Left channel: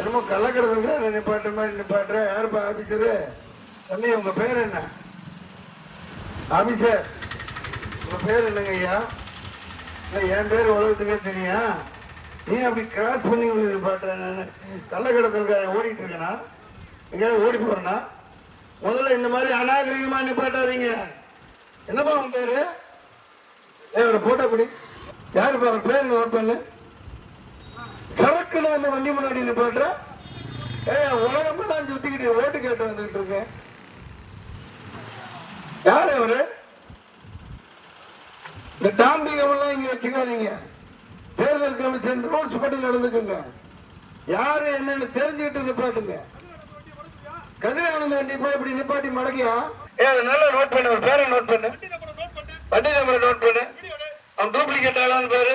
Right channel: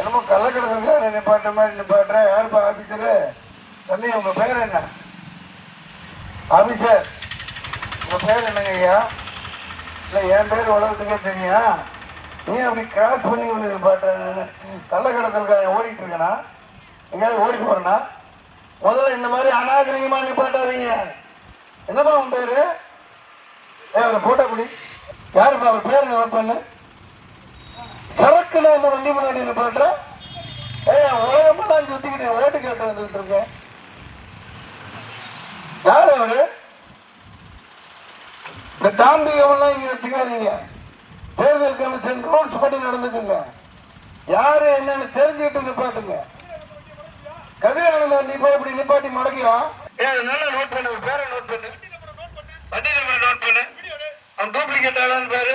என்னமோ கள்ளக்கடத்துக்கு நிப்பாட்டுற மாதிரி நிப்பாட்டுற. யாருப்பா ஆபீசரு? தம்பி உங்க பேர் என்ன? ஆபீசர் உங்க பேர் என்னங்க ஐயா? இல்லை என் பேர் உலகத்துக்கே தெரியும். நீ அப்படி கிராஸ் பண்ணி ஒன்று நிப்பாட்டுற. கள்ளக்கடத்தலுக்காக ஓடிட்டு இருக்கேனா? எங்கேயாவது ஓடி போறேன்னா? முதல்ல இந்த மாதிரி அநாகரிகமா நிப்பாட்டாதீங்க. என்னப்பா உன் பேரு? அவரை போட்டோ குடி. யாருப்பா அவர் பேர் நோட் பண்ணு. சரக்குல வந்து வண்டி முன்னாடி நிப்பாட்டுற. உலகமெல்லாம் சுத்திக்கிட்டு ஓட்டு கேட்டு வந்துட்டு இருக்கேன். யாரு அவரு? இந்த தாம்பிகமெல்லாம் இங்க வச்சுக்காதீங்க. தேர்தல் கமிஷன் ரூல்ஸ் படி நடந்துக்குங்க. யாரு என்னன்னு தெரிஞ்சுக்கிட்டு நிப்பாட்டுங்க. கதிரானந்த வண்டி போய் இப்படி நிப்பாட்டி மடக்கியா? நல்லா நோட் பண்ணு. ஒரு பேரை நோட் பண்ணு. வண்டி நம்பரை நோட் பண்ணு. அவன் டூப்ளிகேட் ஆளான்னு பேரு.